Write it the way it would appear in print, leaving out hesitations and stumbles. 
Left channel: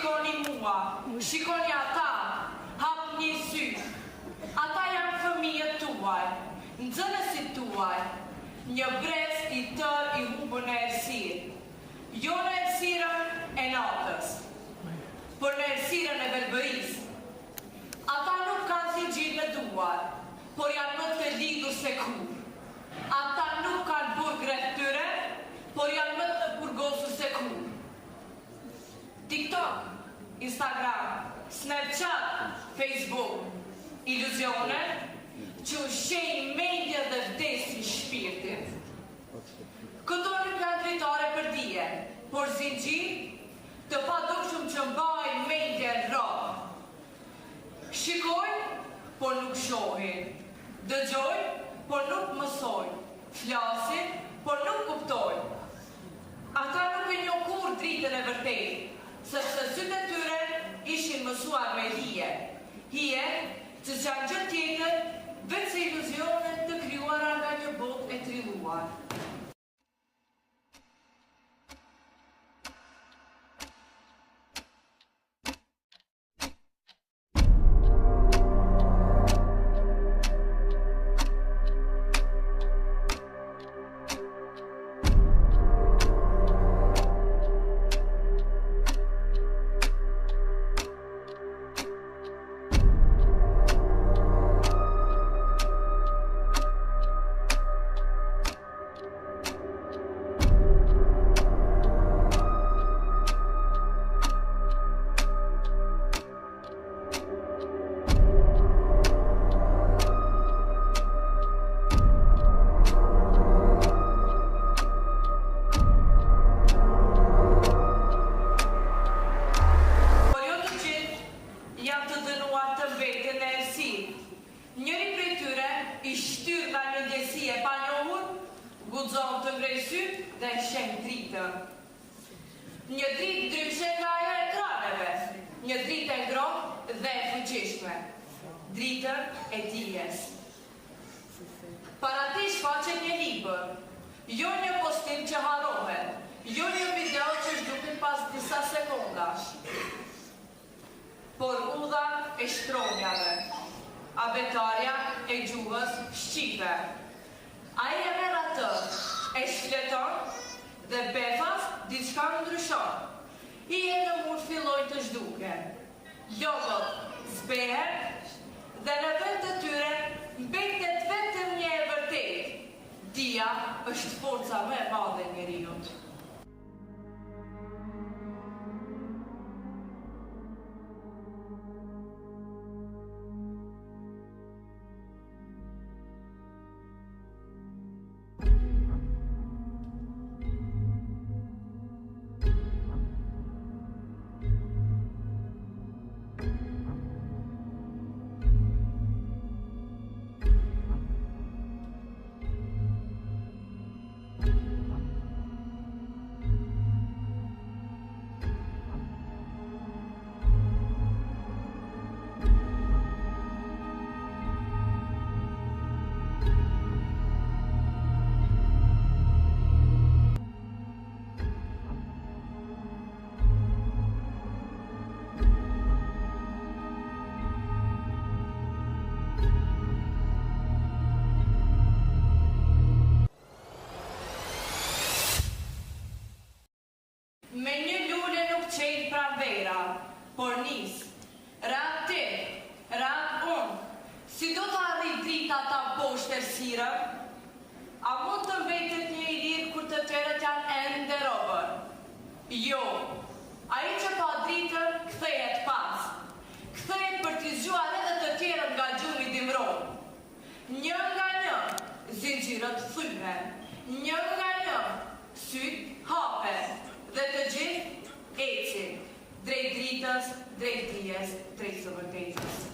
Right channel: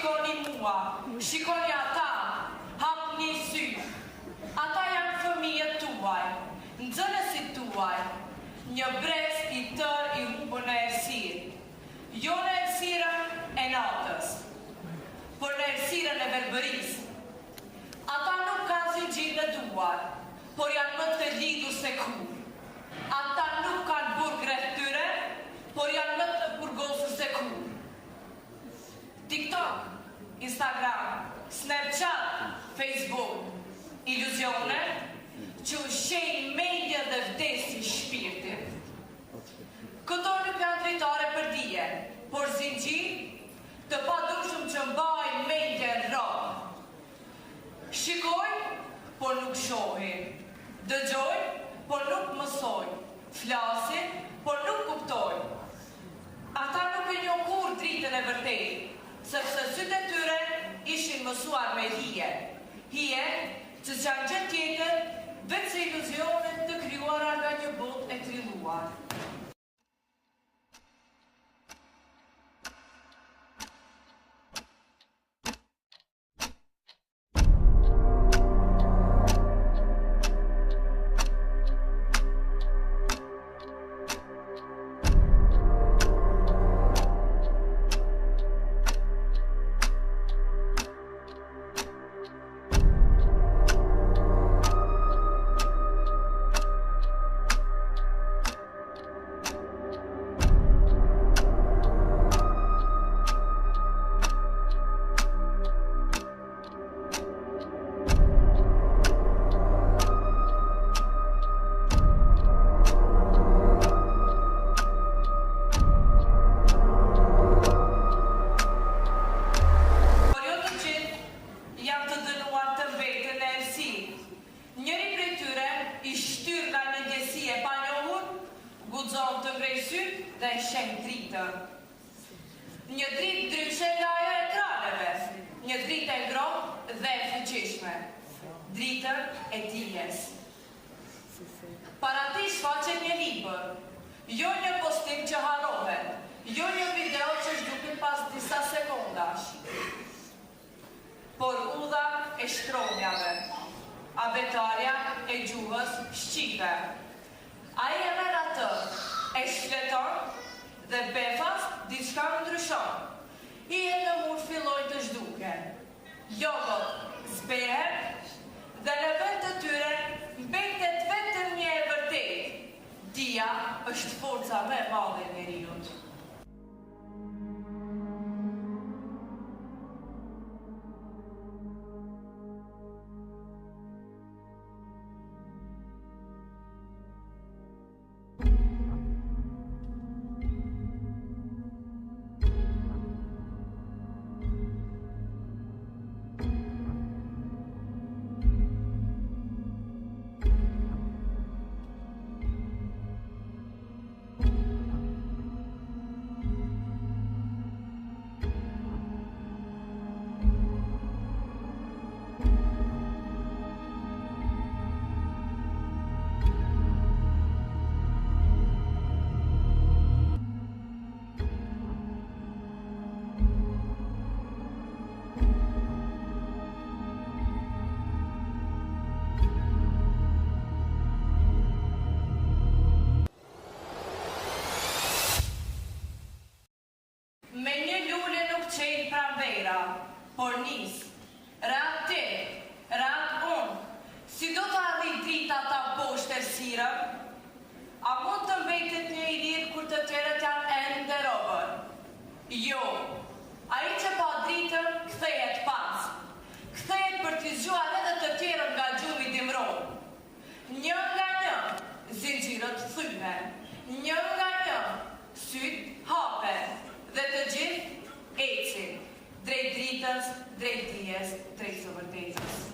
shikoni mua, shikoni ata, hapni sy. Ata janë fëmijët tuaj, nxënësit tuaj, një brez I tër I humbur në errësirë. Jo në errësirën e natës, por në errësirën e verbërisë. Ata nuk kanë zinxhir në duar, por janë më të lidhur se kur. Ata nuk kanë burg rreth tyre, por janë më të burgosur se kur. TikTok, Instagram, Snapchat, Facebook, iluzione që ushqejnë mendja dhe vdesin shpirtin. Këto nuk janë dritare për dije, por zinxhir të padukshëm që mbajnë mendjen rrallë. Shikoj, por nuk shohin. Dëgjoj, por nuk mësoj. Flasin, por nuk kuptoj. Ata nuk e njohin kur dritën e vërtetë, sepse sytë e tyre ishin mësuar me hije. Hije që janë gjë tjetër veç se iluzionet të krijuara nga një botë e trilluar. Njëri prej tyre I shtyr nga një ndjesi e panjohur, guxon të ngrej syt dhe sheh dritën. Një dritë ndryshe nga ajo e ekraneve, një dritë e ngrohtë dhe e fuqishme, dritën e dijes. Para ti shfaqet një libër, jo një postim që harrohet, jo një video që zhduket pas disa sekondash, por udha e shkronjave, abetarja e gjuhës shqipe. Ai e merr atë, e shfleton dhe befas diçka ndryshon. Hijet në mur fillojnë të zhduken. Logot zbehen dhe në vend të tyre mbetet vetëm një e vërtetë. Dia është forca më e madhe e njeriut. Me një lule nuk qenë pranvera, por nis. Rak ti, rak unë, si do të arrit drita ta poshtë errësirën? A mund të mbetet një I lirë kur të tjerët janë ende robër? Jo, ai që pa dritën kthehet pas. Kthehet për t'i zgjuar edhe të tjerët nga gjumi dimron. Një nga një, zinxhirët thyhen. Një nga një, syt hapen. Dhe të gjithë ecin, drejt dritës, drejt dijes, drejt së vërtetës.